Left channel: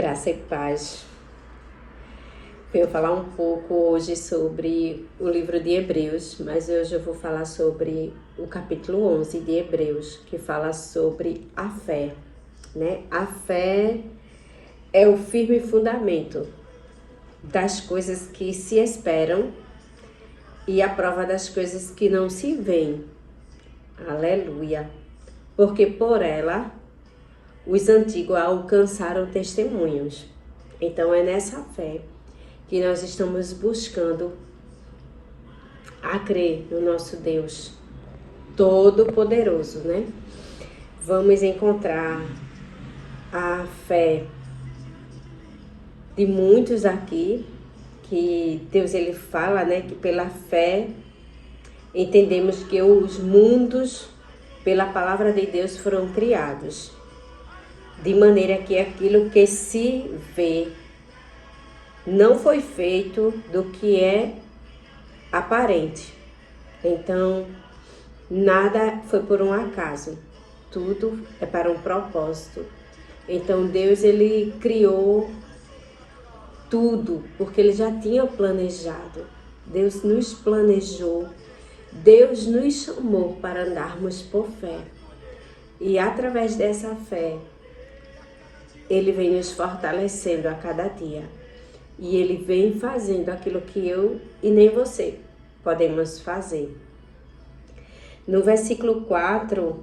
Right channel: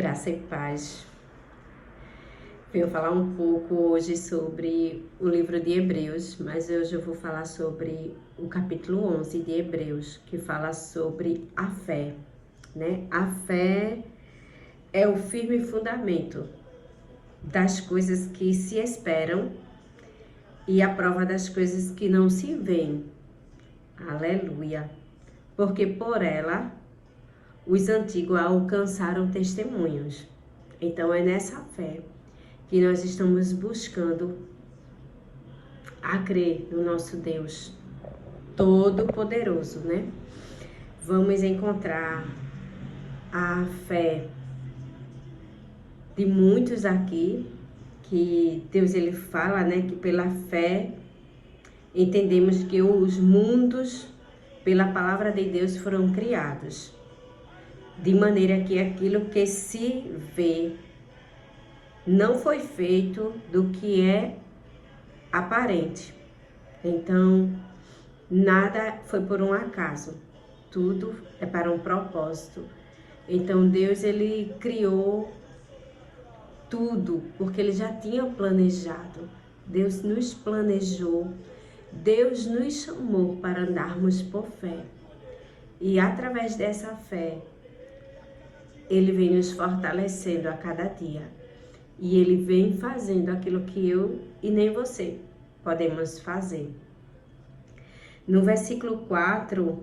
Graça e paz. Venho falar um pouco hoje sobre o livro de Hebreus, mas hoje eu vou falar sobre o capítulo 11 de Hebreus, que fala sobre a fé, né? A fé é o firme fundamento das coisas que se esperam e a prova das coisas que não se veem. Aleluia! Porque por ela os antigos alcançaram testemunhos. Então é nessa fé que nós estamos buscando a crer no nosso Deus Todo-Poderoso, né? Vamos encontrar a fé de muitos aqui, que Deus ele fala, né? Que pela fé entendemos que os mundos, pela palavra de Deus, foram criados. De maneira que aquilo que se vê não foi feito do que é aparente. Então, nada foi por um acaso. Tudo é para um propósito. Então, Deus, ele criou tudo, porque ele já tinha planejado. Deus nos planejou. Deus nos chamou para andarmos por fé. E através dessa fé, ele vem nos fortalecendo a cada dia. E ele vem fazendo aquilo que eu e nem você podemos fazer. No versículo 4,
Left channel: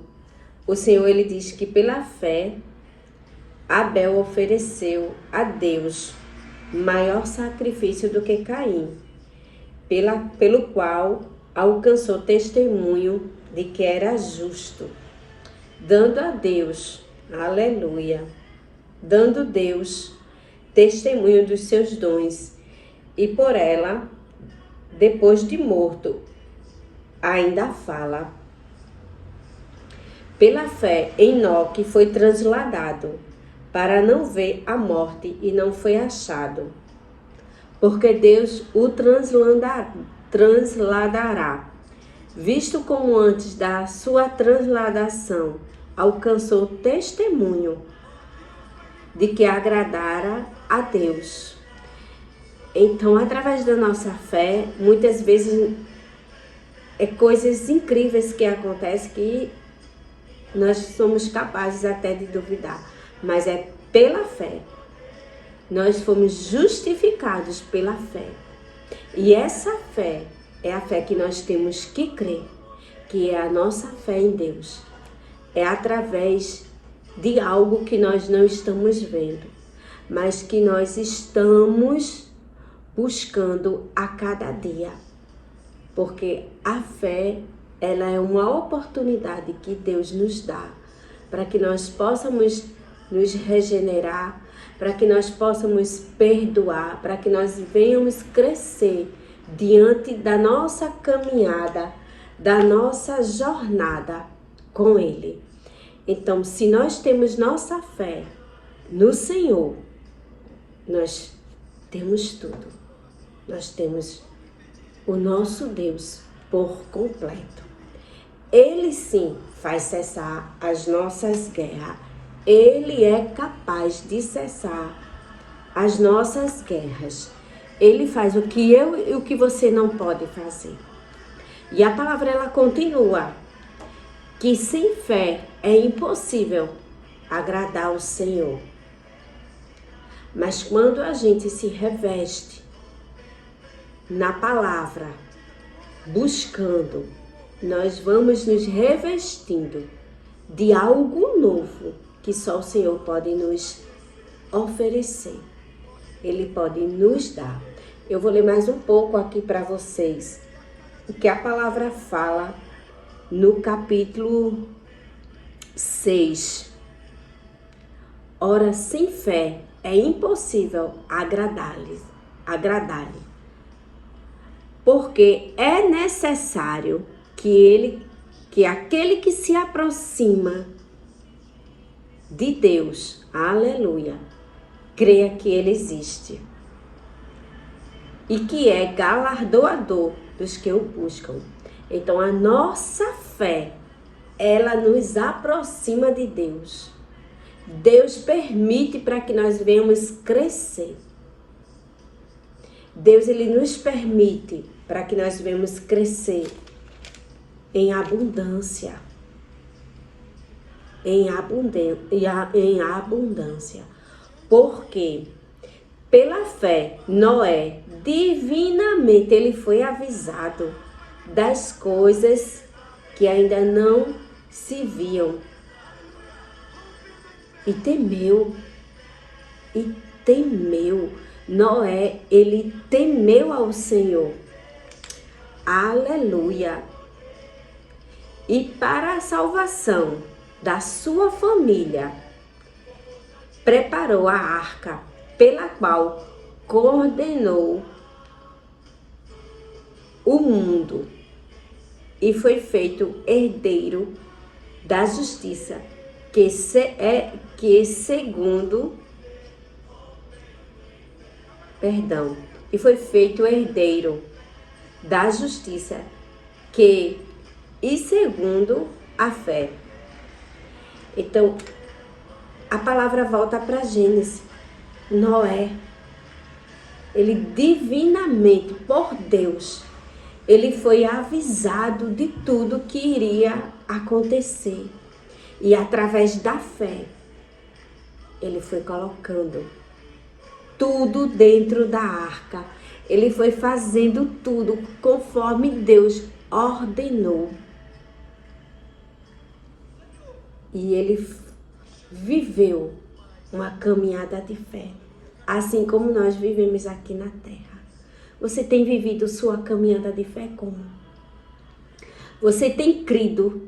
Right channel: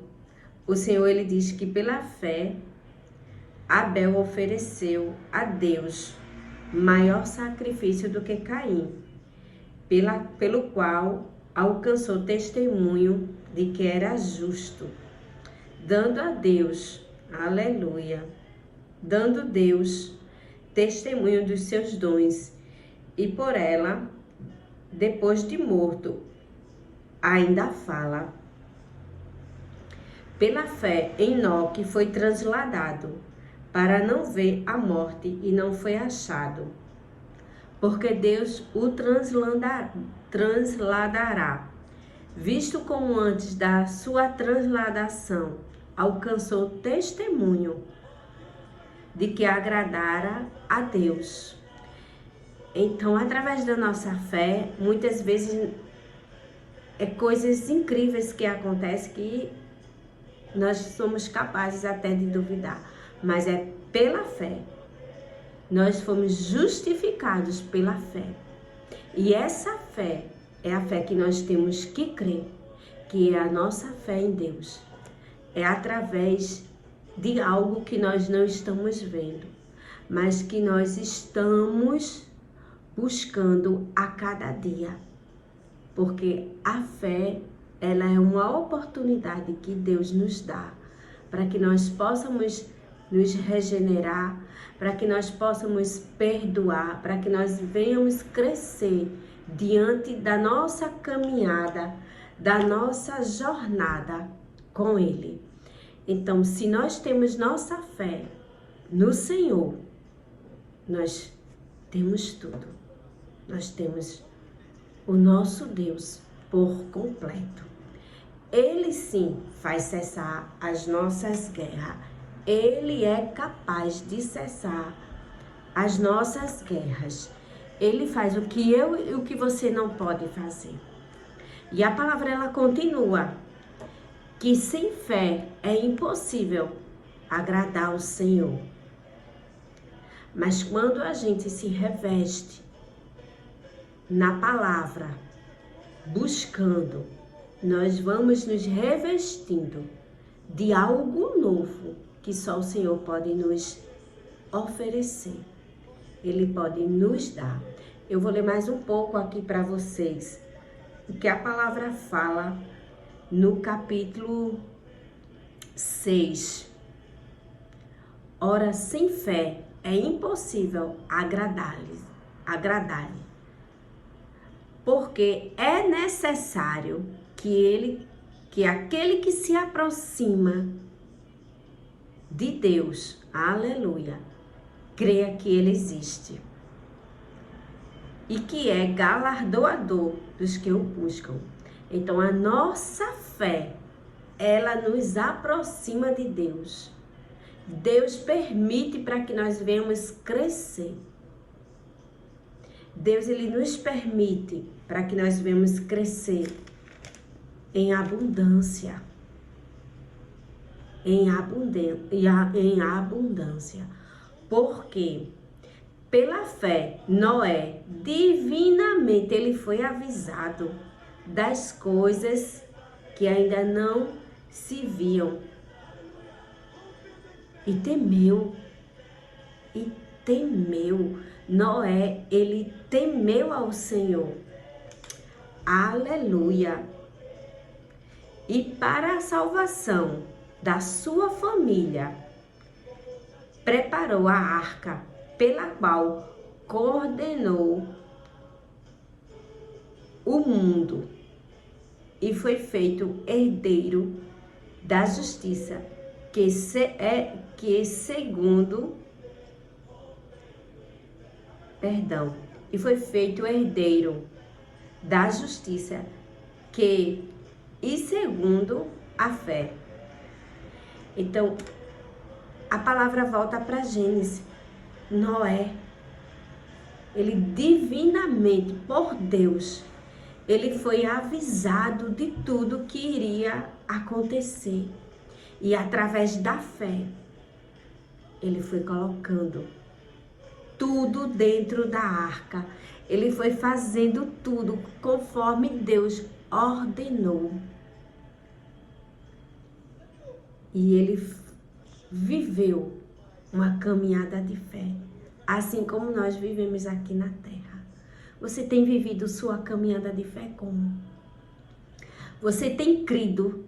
o Senhor ele diz que pela fé, Abel ofereceu a Deus maior sacrifício do que Caim, pelo qual alcançou testemunho de que era justo, dando a Deus, aleluia, dando Deus testemunho dos seus dons, e por ela, depois de morto, ainda fala. Pela fé, Enoque foi transladado para não ver a morte e não foi achado, porque Deus o transladará, visto como antes da sua transladação alcançou testemunho de que agradara a Deus. Então, através da nossa fé, muitas vezes coisas incríveis que acontecem que nós somos capazes até de duvidar, mas é pela fé. Nós fomos justificados pela fé. E essa fé é a fé que nós temos que crer, que é a nossa fé em Deus. É através de algo que nós não estamos vendo, mas que nós estamos buscando a cada dia. Porque a fé, ela é uma oportunidade que Deus nos dá para que nós possamos nos regenerar, para que nós possamos perdoar, para que nós venhamos crescer diante da nossa caminhada, da nossa jornada com Ele. Então, se nós temos nossa fé no Senhor, nós temos tudo. Nós temos o nosso Deus por completo. Ele sim faz cessar as nossas guerras. Ele é capaz de cessar as nossas guerras. Ele faz o que eu e o que você não pode fazer. E a palavra ela continua que sem fé é impossível agradar ao Senhor. Mas quando a gente se reveste na palavra, buscando, nós vamos nos revestindo de algo novo que só o Senhor pode nos oferecer. Ele pode nos dar. Eu vou ler mais um pouco aqui para vocês o que a palavra fala no capítulo 6. Ora, sem fé é impossível agradar-lhe, porque é necessário que aquele que se aproxima de Deus, aleluia, creia que Ele existe e que é galardoador dos que o buscam. Então, a nossa fé, ela nos aproxima de Deus. Deus permite para que nós venhamos crescer. Deus, ele nos permite para que nós venhamos crescer em abundância. Em abundância. Porque pela fé, Noé, divinamente, ele foi avisado das coisas que ainda não se viam. E temeu. Noé, ele temeu ao Senhor. Aleluia. E para a salvação da sua família, preparou a arca, pela qual coordenou o mundo e foi feito herdeiro da justiça, que foi feito herdeiro da justiça, segundo a fé. Então, a palavra volta para Gênesis. Noé, ele divinamente, por Deus, ele foi avisado de tudo que iria acontecer. E através da fé, ele foi colocando tudo dentro da arca. Ele foi fazendo tudo conforme Deus ordenou. E ele viveu uma caminhada de fé, assim como nós vivemos aqui na terra. Você tem vivido sua caminhada de fé como? Você tem crido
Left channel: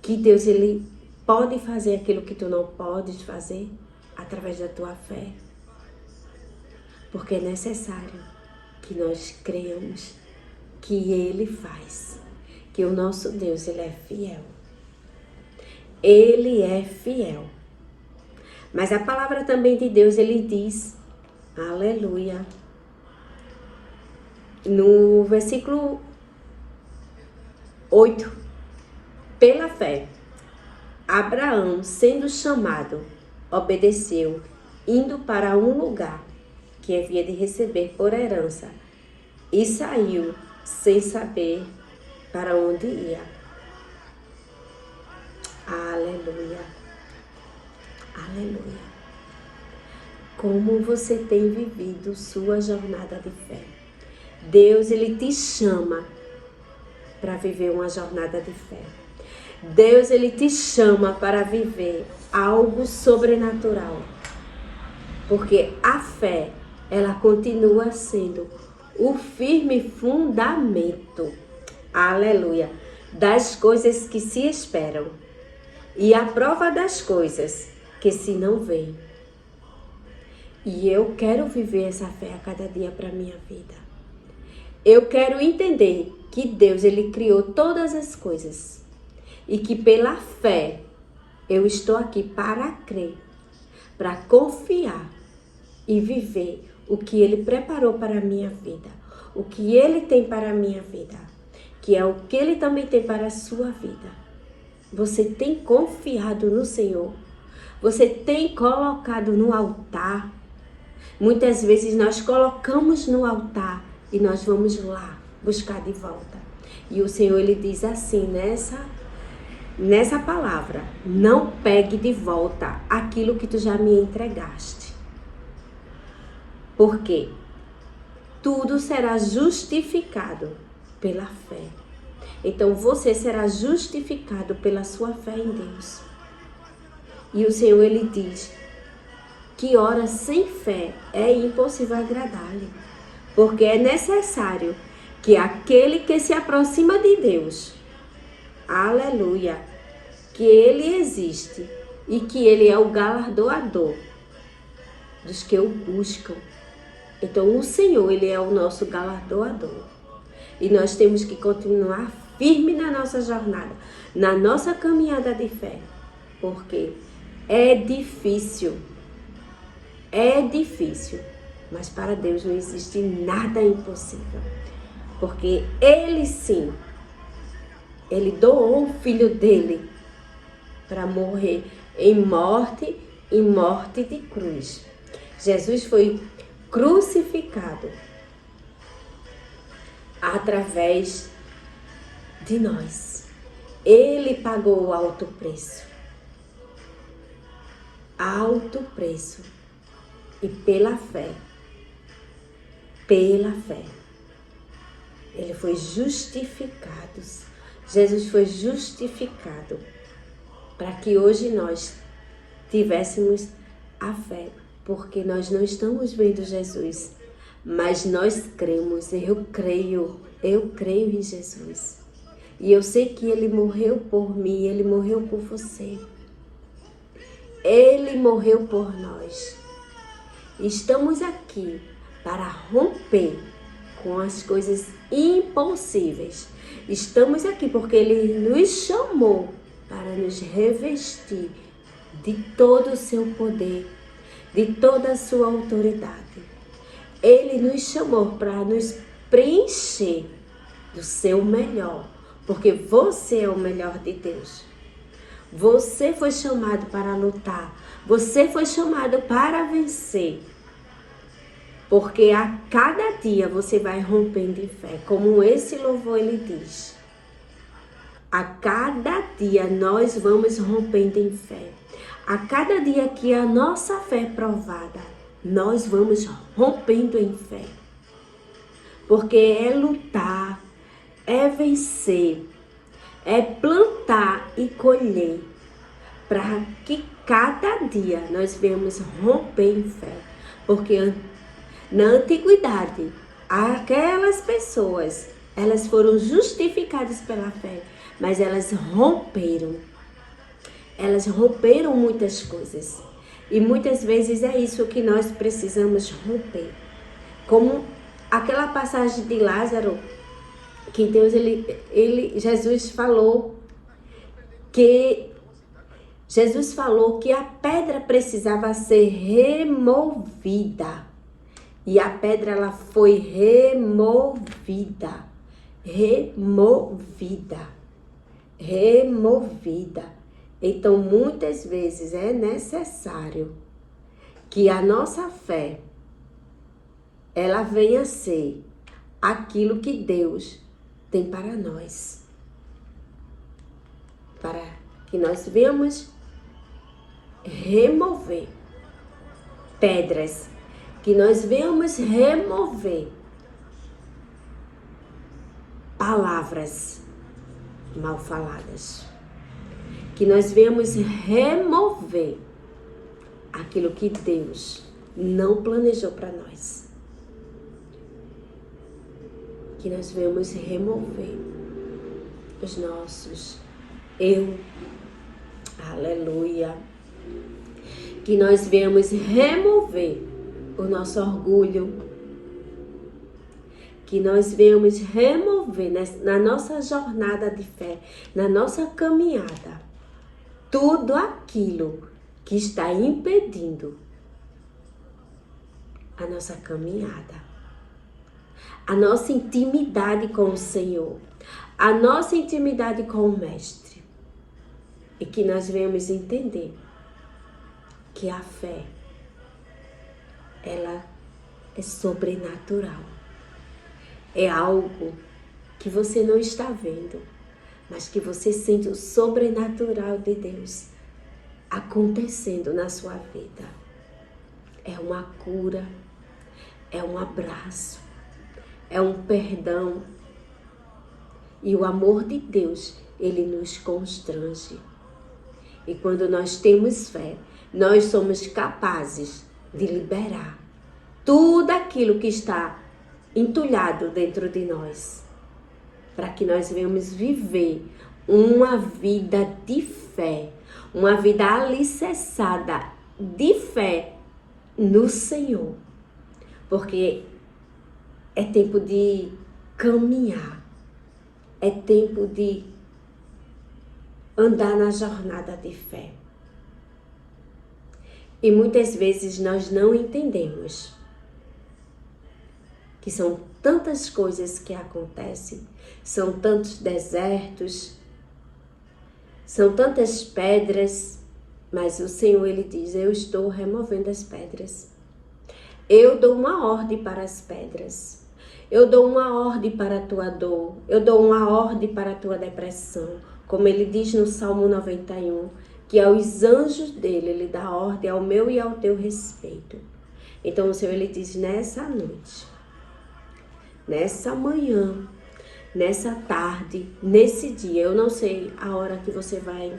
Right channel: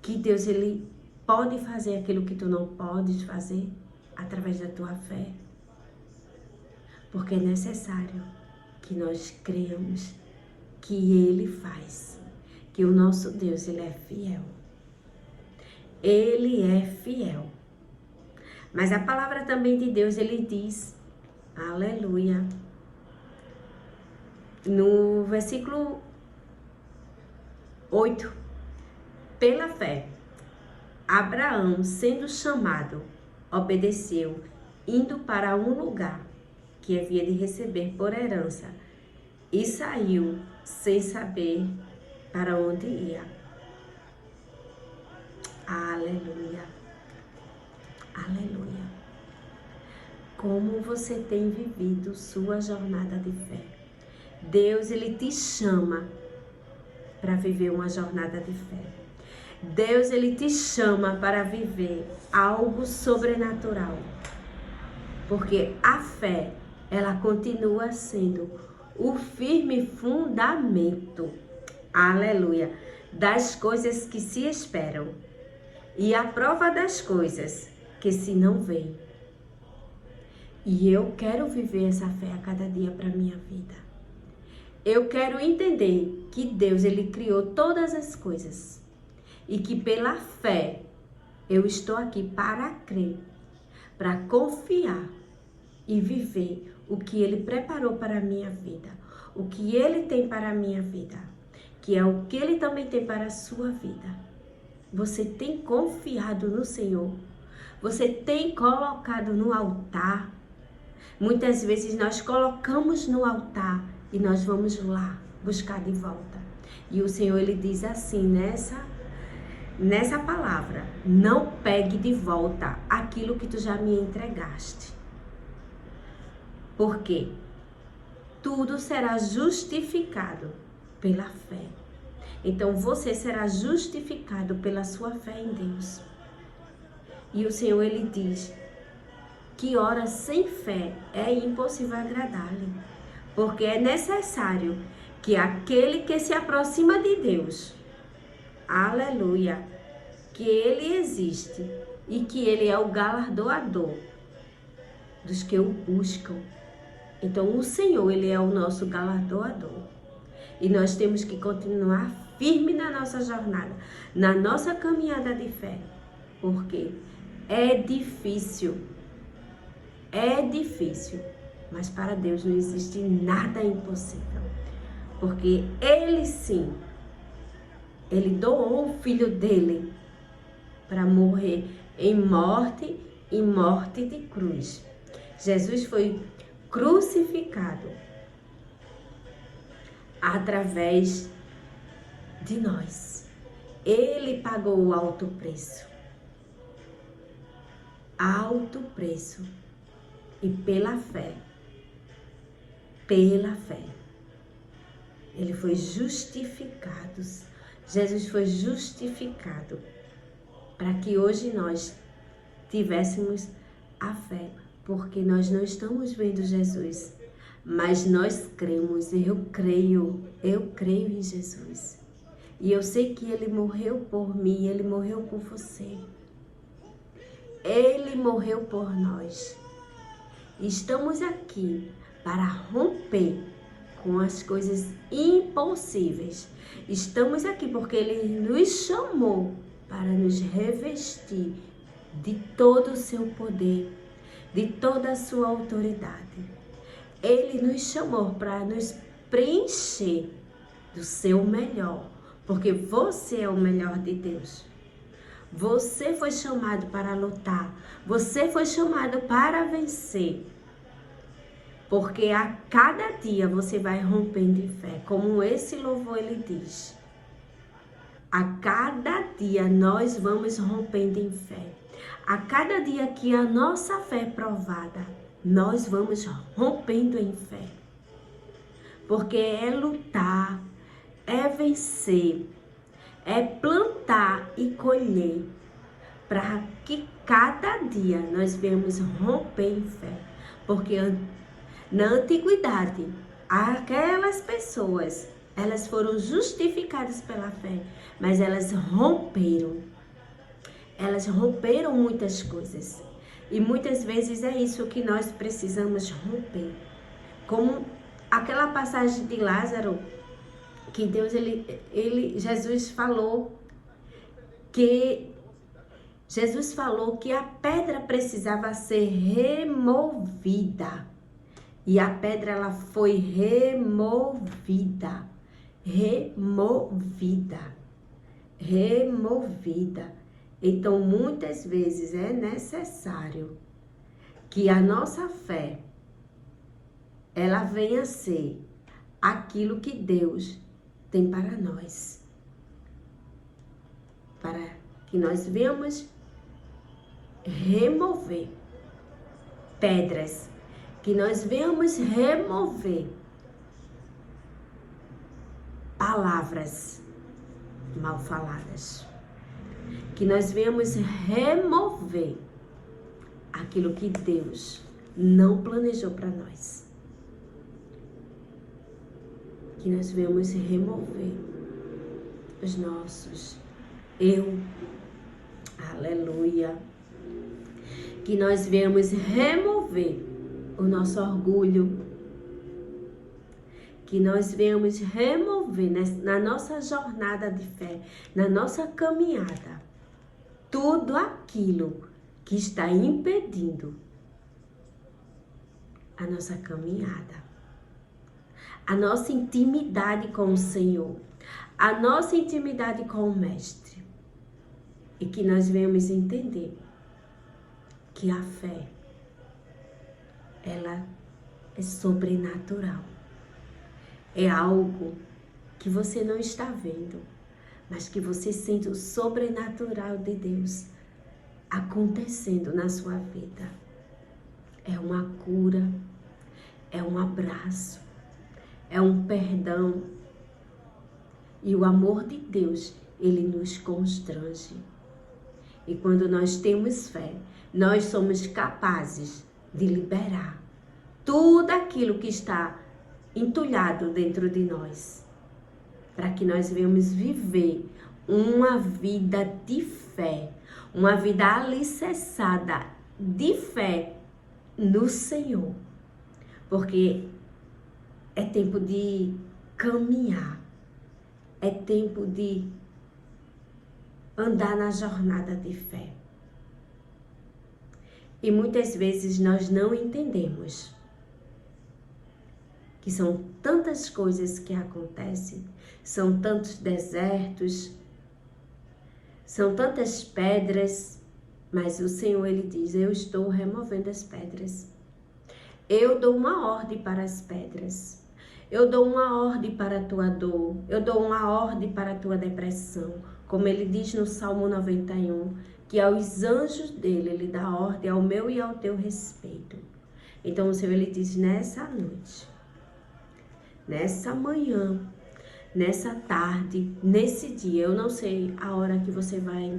que Deus, ele pode fazer aquilo que tu não podes fazer através da tua fé? Porque é necessário que nós creiamos que ele faz, que o nosso Deus, ele é fiel. Ele é fiel. Mas a palavra também de Deus, ele diz, aleluia, no versículo 8, pela fé, Abraão, sendo chamado, obedeceu, indo para um lugar que havia de receber por herança, e saiu sem saber para onde ia. Aleluia. Aleluia. Como você tem vivido sua jornada de fé? Deus, ele te chama para viver uma jornada de fé. Deus, ele te chama para viver algo sobrenatural. Porque a fé, ela continua sendo o firme fundamento, aleluia, das coisas que se esperam e a prova das coisas que se não veem. E eu quero viver essa fé a cada dia para a minha vida. Eu quero entender que Deus, ele criou todas as coisas e que pela fé eu estou aqui para crer, para confiar e viver o que ele preparou para a minha vida, o que ele tem para a minha vida, que é o que ele também tem para a sua vida. Você tem confiado no Senhor? Você tem colocado no altar? Muitas vezes nós colocamos no altar e nós vamos lá buscar de volta. E o Senhor, ele diz assim nessa palavra: não pegue de volta aquilo que tu já me entregaste. Porque tudo será justificado pela fé. Então você será justificado pela sua fé em Deus. E o Senhor, ele diz que ora sem fé é impossível agradar-lhe. Porque é necessário que aquele que se aproxima de Deus, aleluia, que ele existe e que ele é o galardoador dos que o buscam. Então o Senhor, ele é o nosso galardoador. E nós temos que continuar firme na nossa jornada, na nossa caminhada de fé. Porque é difícil, mas para Deus não existe nada impossível. Porque ele sim, ele doou o filho dele para morrer em morte e morte de cruz. Jesus foi crucificado através de nós. Ele pagou o alto preço. Alto preço. E pela fé, ele foi justificado. Jesus foi justificado para que hoje nós tivéssemos a fé, porque nós não estamos vendo Jesus, mas nós cremos. Eu creio em Jesus. E eu sei que Ele morreu por mim, Ele morreu por você. Ele morreu por nós. Estamos aqui para romper com as coisas impossíveis. Estamos aqui porque Ele nos chamou para nos revestir de todo o seu poder, de toda a sua autoridade. Ele nos chamou para nos preencher do seu melhor, porque você é o melhor de Deus. Você foi chamado para lutar, você foi chamado para vencer. Porque a cada dia você vai rompendo em fé, como esse louvor ele diz. A cada dia nós vamos rompendo em fé. A cada dia que a nossa fé é provada, nós vamos rompendo em fé. Porque é lutar, é vencer, é plantar e colher, para que cada dia nós venhamos romper em fé. Porque na antiguidade, aquelas pessoas, elas foram justificadas pela fé, mas elas romperam. Elas romperam muitas coisas. E muitas vezes é isso que nós precisamos romper. Como aquela passagem de Lázaro, que Deus, Jesus falou que a pedra precisava ser removida. E a pedra, ela foi removida. Então, muitas vezes é necessário que a nossa fé, ela venha a ser aquilo que Deus tem para nós. Para que nós venhamos remover pedras, que nós venhamos remover palavras mal faladas, que nós venhamos remover aquilo que Deus não planejou para nós, que nós venhamos remover os nossos aleluia, que nós venhamos remover o nosso orgulho, que nós venhamos remover na nossa jornada de fé, na nossa caminhada, tudo aquilo que está impedindo a nossa caminhada, a nossa intimidade com o Senhor, a nossa intimidade com o Mestre. E que nós venhamos entender que a fé, ela é sobrenatural. É algo que você não está vendo, mas que você sente o sobrenatural de Deus acontecendo na sua vida. É uma cura, é um abraço, é um perdão. E o amor de Deus, ele nos constrange. E quando nós temos fé, nós somos capazes de liberar tudo aquilo que está entulhado dentro de nós, para que nós venhamos viver uma vida de fé, uma vida alicerçada de fé no Senhor, porque é tempo de caminhar, é tempo de andar na jornada de fé. E muitas vezes nós não entendemos que são tantas coisas que acontecem, são tantos desertos, são tantas pedras Mas o Senhor, ele diz, eu estou removendo as pedras. Eu dou uma ordem para as pedras. Eu dou uma ordem para a tua dor. Eu dou uma ordem para a tua depressão. Como ele diz no Salmo 91, que aos anjos dele, ele dá ordem ao meu e ao teu respeito. Então o Senhor, ele diz, nessa noite, nessa manhã, nessa tarde, nesse dia, eu não sei a hora que você vai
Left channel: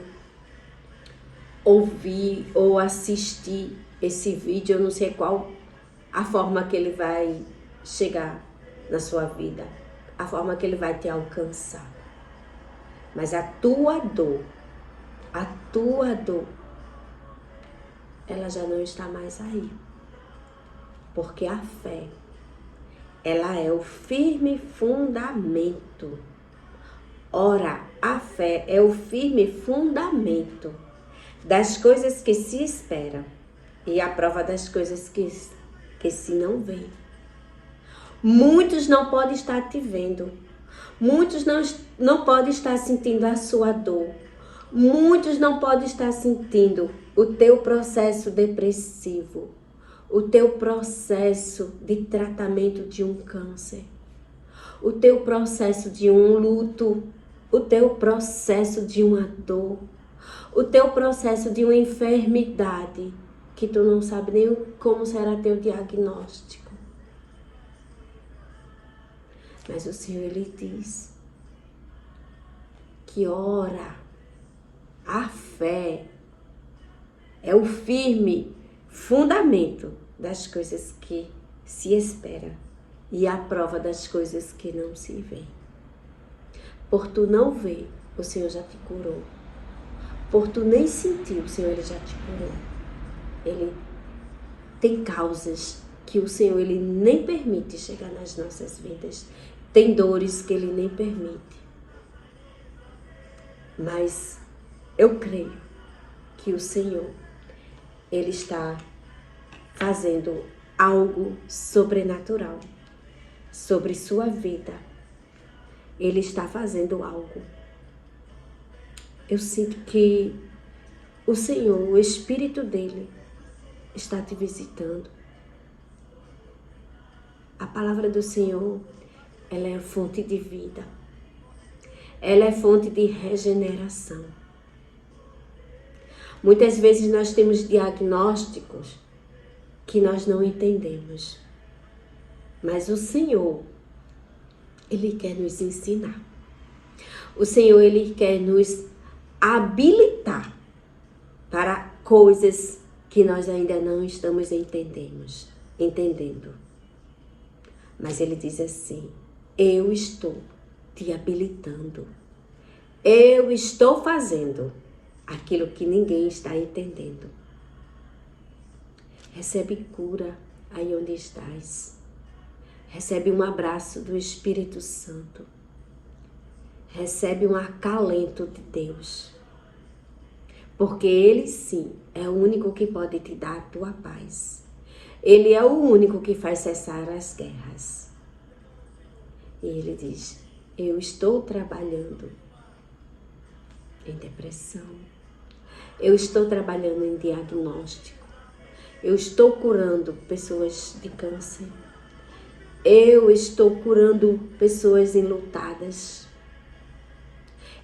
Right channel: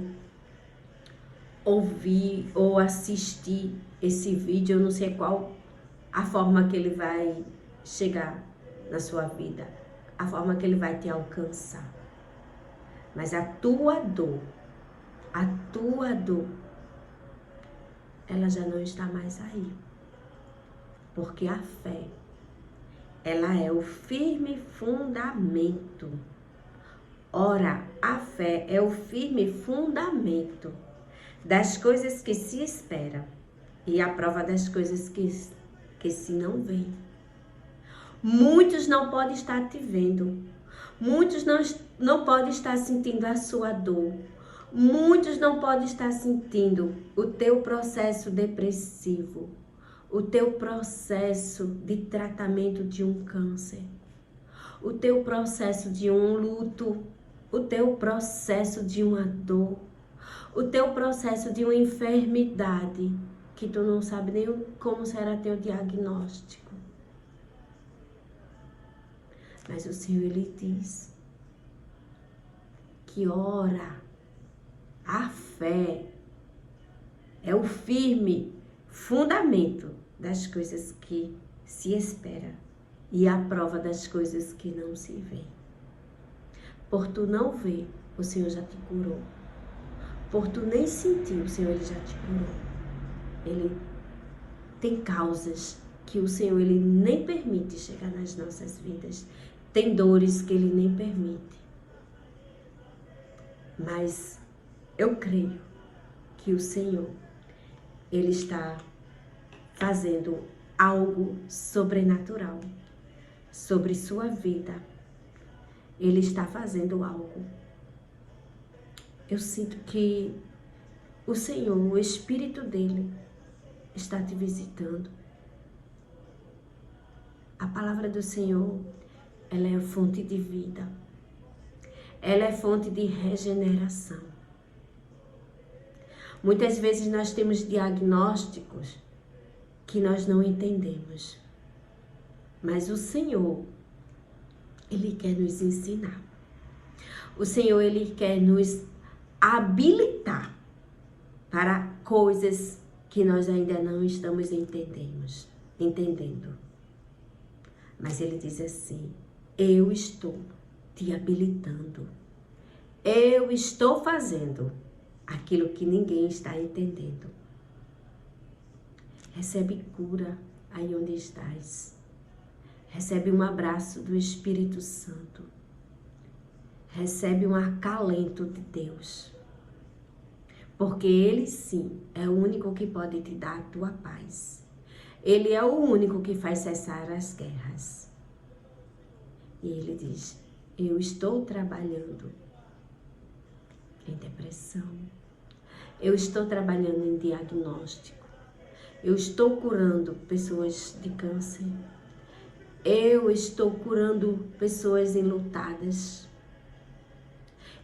ouvir ou assistir esse vídeo, eu não sei qual a forma que ele vai chegar na sua vida, a forma que ele vai te alcançar. Mas a tua dor, ela já não está mais aí. Porque a fé, ela é o firme fundamento. Ora, a fé é o firme fundamento das coisas que se espera e a prova das coisas que se não vê. Muitos não podem estar te vendo. Muitos não podem estar sentindo a sua dor. Muitos não podem estar sentindo o teu processo depressivo, o teu processo de tratamento de um câncer, o teu processo de um luto, o teu processo de uma dor, o teu processo de uma enfermidade que tu não sabe nem como será teu diagnóstico. Mas o Senhor, ele diz que ora, a fé é o firme fundamento das coisas que se espera e a prova das coisas que não se vê. Por tu não ver, o Senhor já te curou. Por tu nem sentir, o Senhor, ele já te curou. Ele tem causas que o Senhor, ele nem permite chegar nas nossas vidas. Tem dores que ele nem permite. Mas eu creio que o Senhor, ele está fazendo algo sobrenatural sobre sua vida. Ele está fazendo algo. Eu sinto que o Senhor, o Espírito dele, está te visitando. A palavra do Senhor, ela é fonte de vida. Ela é fonte de regeneração. Muitas vezes nós temos diagnósticos que nós não entendemos. Mas o Senhor, ele quer nos ensinar. O Senhor, ele quer nos habilitar para coisas que nós ainda não estamos entendendo. Mas ele diz assim, eu estou te habilitando. Eu estou fazendo aquilo que ninguém está entendendo. Recebe cura aí onde estás. Recebe um abraço do Espírito Santo. Recebe um acalento de Deus. Porque ele sim é o único que pode te dar a tua paz. Ele é o único que faz cessar as guerras. E ele diz, eu estou trabalhando em depressão. Eu estou trabalhando em diagnóstico. Eu estou curando pessoas de câncer. Eu estou curando pessoas enlutadas.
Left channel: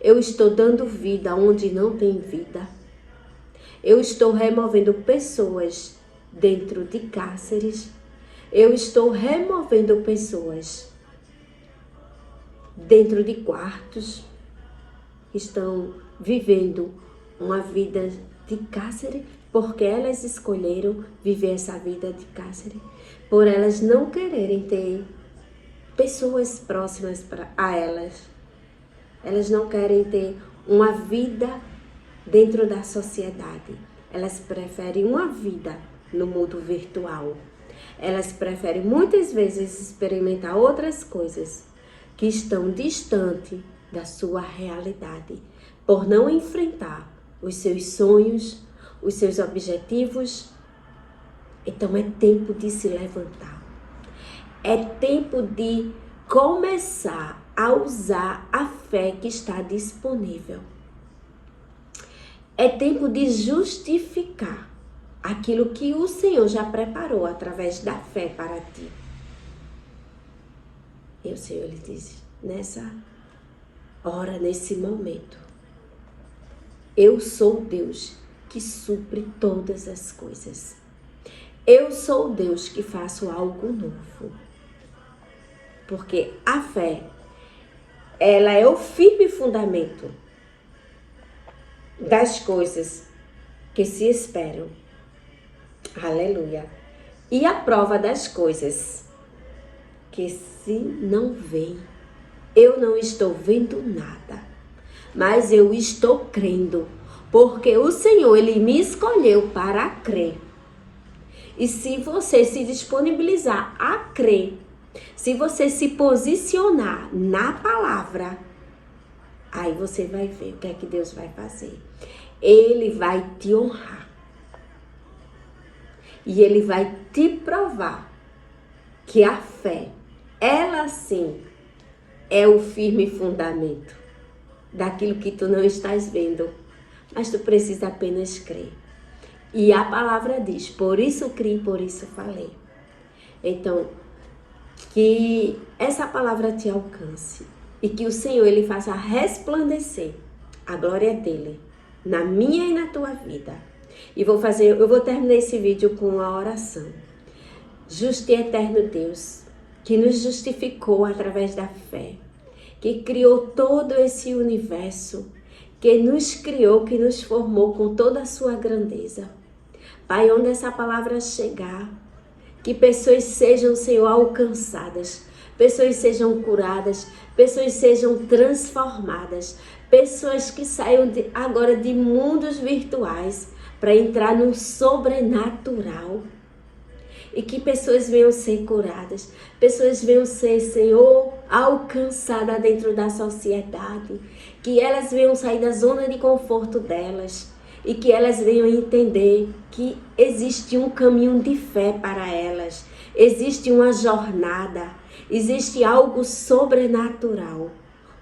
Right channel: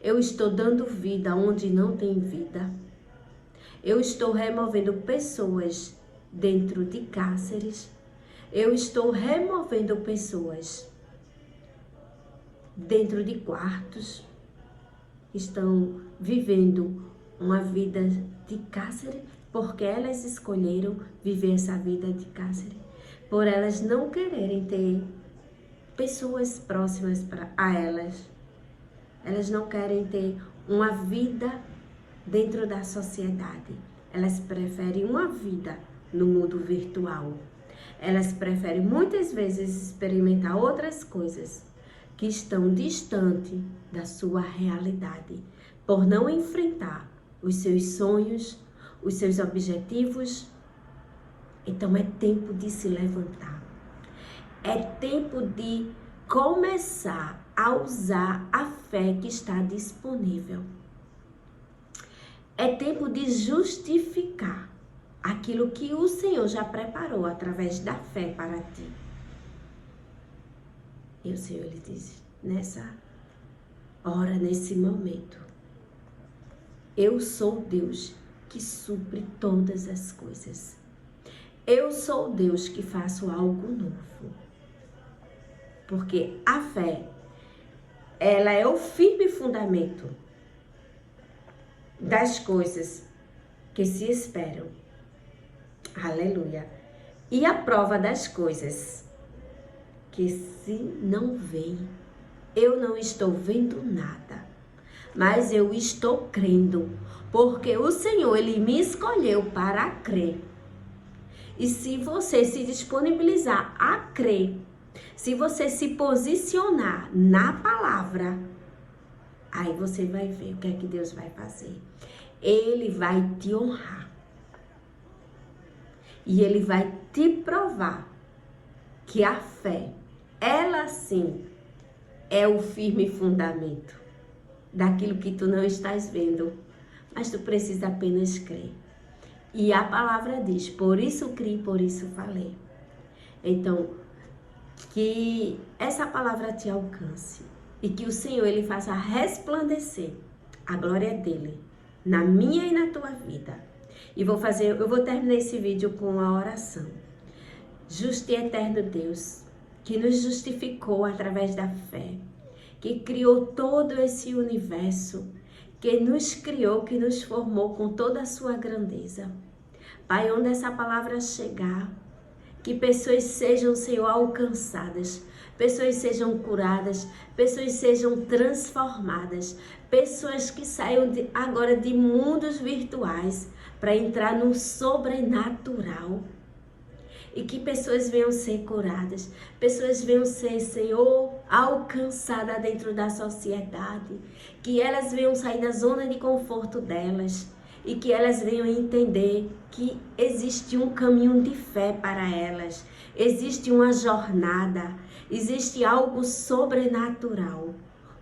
Eu estou dando vida onde não tem vida. Eu estou removendo pessoas dentro de cárceres. Eu estou removendo pessoas dentro de quartos que estão vivendo uma vida de cárcere porque elas escolheram viver essa vida de cárcere, por elas não quererem ter pessoas próximas a elas. Elas não querem ter uma vida dentro da sociedade. Elas preferem uma vida no mundo virtual. Elas preferem muitas vezes experimentar outras coisas que estão distantes da sua realidade, por não enfrentar os seus sonhos, os seus objetivos. Então é tempo de se levantar. É tempo de começar a usar a fé que está disponível. É tempo de justificar aquilo que o Senhor já preparou através da fé para ti. E o Senhor, Ele diz, nessa hora, nesse momento, eu sou Deus que supre todas as coisas. Eu sou Deus que faço algo novo. Porque a fé, ela é o firme fundamento das coisas que se esperam. Aleluia. E a prova das coisas que se não veem. Eu não estou vendo nada, mas eu estou crendo, porque o Senhor, Ele me escolheu para crer. E se você se disponibilizar a crer, se você se posicionar na palavra, aí você vai ver o que é que Deus vai fazer. Ele vai te honrar. E Ele vai te provar que a fé, ela sim, é o firme fundamento daquilo que tu não estás vendo, mas tu precisa apenas crer. E a palavra diz, por isso criei, por isso falei. Então, que essa palavra te alcance e que o Senhor, Ele faça resplandecer a glória dEle na minha e na tua vida. E eu vou terminar esse vídeo com a oração. Justo e eterno Deus, que nos justificou através da fé, que criou todo esse universo, que nos criou, que nos formou com toda a sua grandeza. Pai, onde essa palavra chegar, que pessoas sejam, Senhor, alcançadas, pessoas sejam curadas, pessoas sejam transformadas, pessoas que saiam agora de mundos virtuais para entrar no sobrenatural. E que pessoas venham ser curadas, pessoas venham ser, Senhor, alcançadas dentro da sociedade, que elas venham sair da zona de conforto delas e que elas venham entender que existe um caminho de fé para elas, existe uma jornada, existe algo sobrenatural,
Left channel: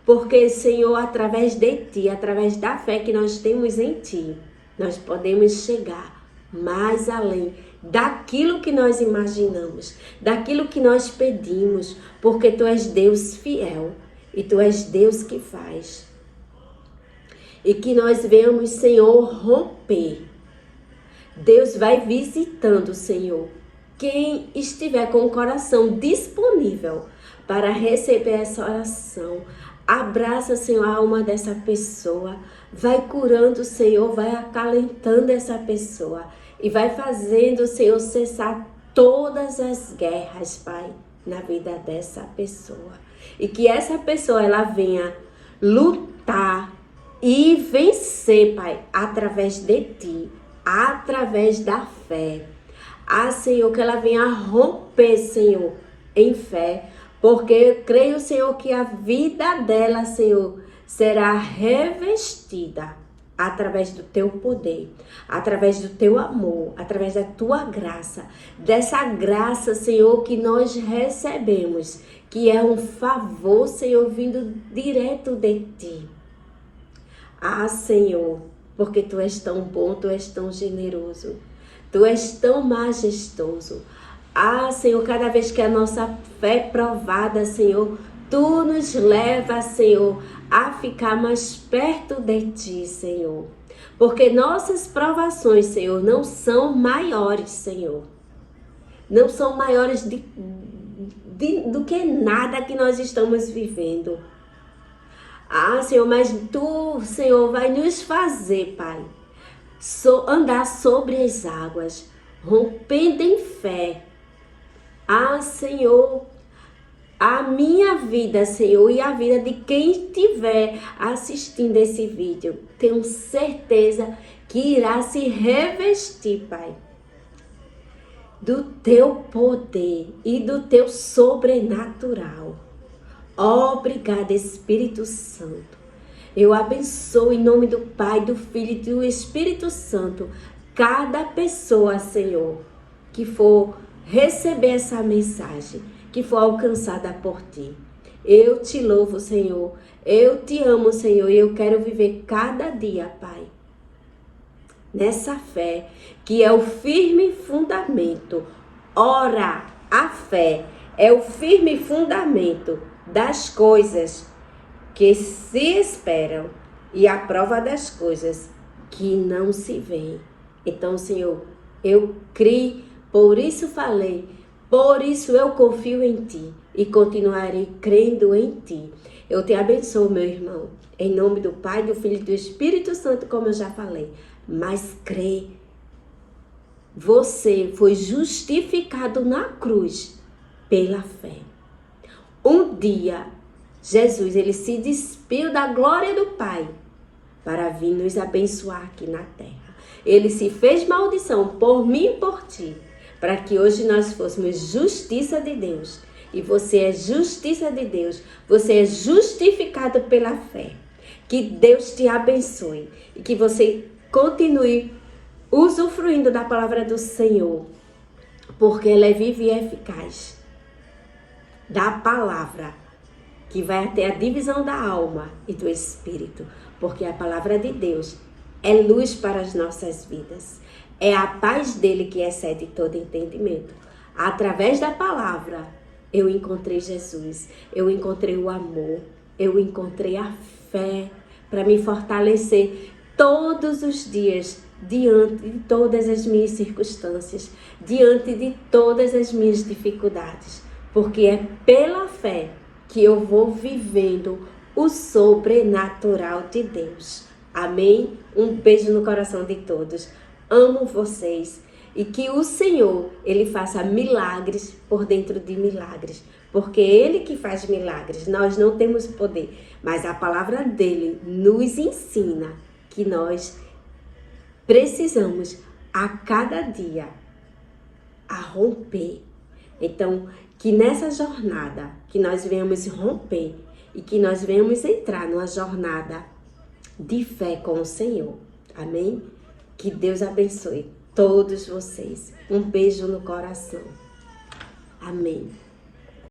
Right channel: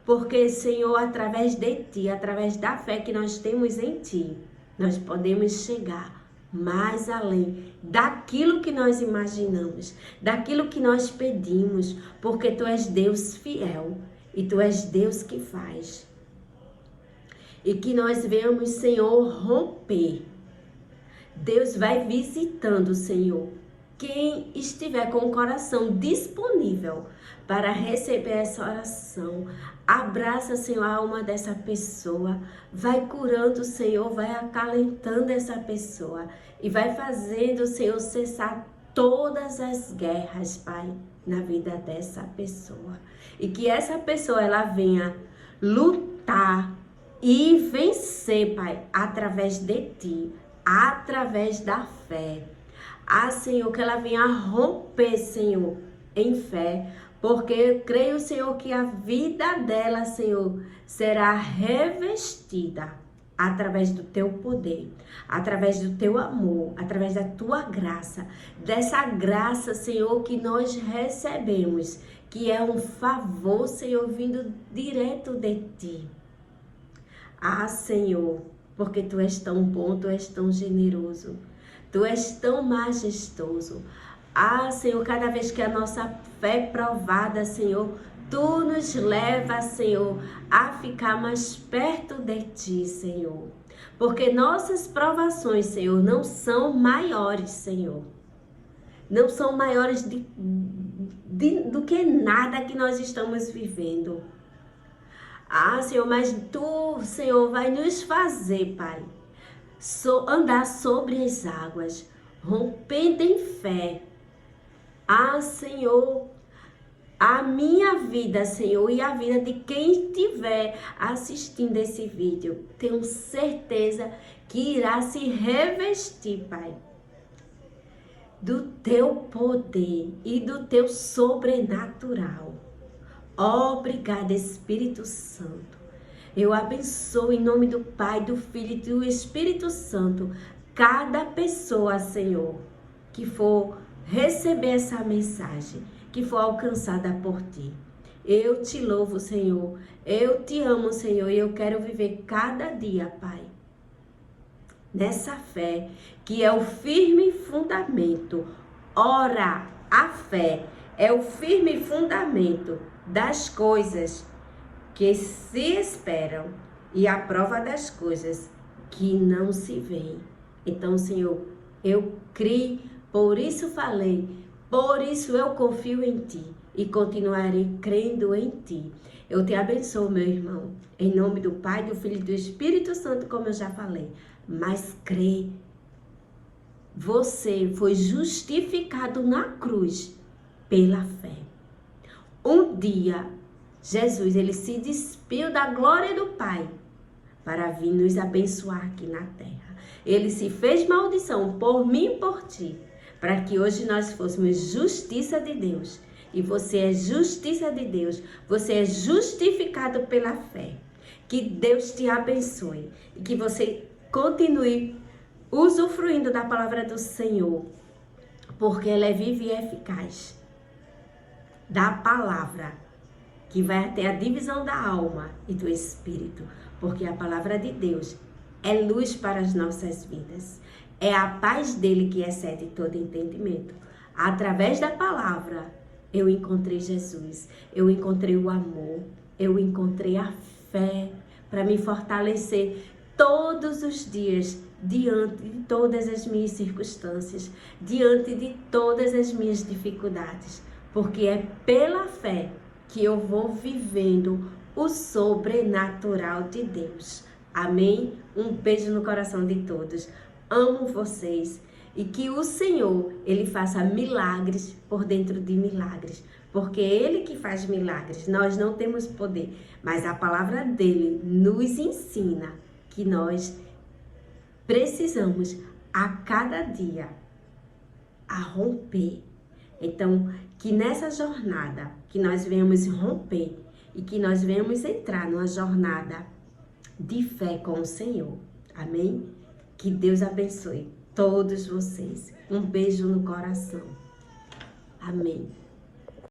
porque, Senhor, através de Ti, através da fé que nós temos em Ti, nós podemos chegar mais além daquilo que nós imaginamos, daquilo que nós pedimos, porque Tu és Deus fiel e Tu és Deus que faz. E que nós venhamos, Senhor, romper. Deus vai visitando, Senhor, quem estiver com o coração disponível para receber essa oração. Abraça, Senhor, a alma dessa pessoa, vai curando, Senhor, vai acalentando essa pessoa e vai fazendo, Senhor, cessar todas as guerras, Pai, na vida dessa pessoa. E que essa pessoa, ela venha lutar e vencer, Pai, através de Ti, através da fé. Ah, Senhor, que ela venha romper, Senhor, em fé, porque eu creio, Senhor, que a vida dela, Senhor, será revestida através do Teu poder, através do Teu amor, através da Tua graça, dessa graça, Senhor, que nós recebemos, que é um favor, Senhor, vindo direto de Ti. Ah, Senhor, porque Tu és tão bom, Tu és tão generoso, Tu és tão majestoso. Ah, Senhor, cada vez que a nossa fé é provada, Senhor, Tu nos leva, Senhor, a ficar mais perto de Ti, Senhor. Porque nossas provações, Senhor, não são maiores, Senhor. Não são maiores do que nada que nós estamos vivendo. Ah, Senhor, mas Tu, Senhor, vai nos fazer, Pai, andar sobre as águas, rompendo em fé. Ah, Senhor, a minha vida, Senhor, e a vida de quem estiver assistindo esse vídeo, tenho certeza que irá se revestir, Pai, do Teu poder e do Teu sobrenatural. Obrigada, Espírito Santo. Eu abençoo em nome do Pai, do Filho e do Espírito Santo cada pessoa, Senhor, que for receber essa mensagem, que for alcançada por Ti. Eu Te louvo, Senhor. Eu Te amo, Senhor, e eu quero viver cada dia, Pai, nessa fé, que é o firme fundamento. Ora, a fé é o firme fundamento das coisas que se esperam e a prova das coisas que não se veem. Então, Senhor, eu criei, por isso falei, por isso eu confio em Ti e continuarei crendo em Ti. Eu te abençoo, meu irmão, em nome do Pai, do Filho e do Espírito Santo, como eu já falei. Mas crê, você foi justificado na cruz pela fé. Um dia, Jesus, ele se despiu da glória do Pai para vir nos abençoar aqui na terra. Ele se fez maldição por mim e por ti, para que hoje nós fôssemos justiça de Deus. E você é justiça de Deus, você é justificado pela fé. Que Deus te abençoe e que você continue usufruindo da palavra do Senhor, porque ela é viva e eficaz. Da palavra que vai até a divisão da alma e do espírito, porque a palavra de Deus é luz para as nossas vidas. É a paz dele que excede todo entendimento. Através da palavra, eu encontrei Jesus, eu encontrei o amor, eu encontrei a fé para me fortalecer todos os dias, diante de todas as minhas circunstâncias, diante de todas as minhas dificuldades, porque é pela fé que eu vou vivendo o sobrenatural de Deus. Amém? Um beijo no coração de todos. Amo vocês e que o Senhor, ele faça milagres por dentro de milagres, porque ele que faz milagres, nós não temos poder, mas a palavra dele nos ensina que nós precisamos a cada dia a romper. Então, que nessa jornada, que nós venhamos romper e que nós venhamos entrar numa jornada de fé com o Senhor. Amém? Que Deus abençoe todos vocês. Um beijo no coração. Amém.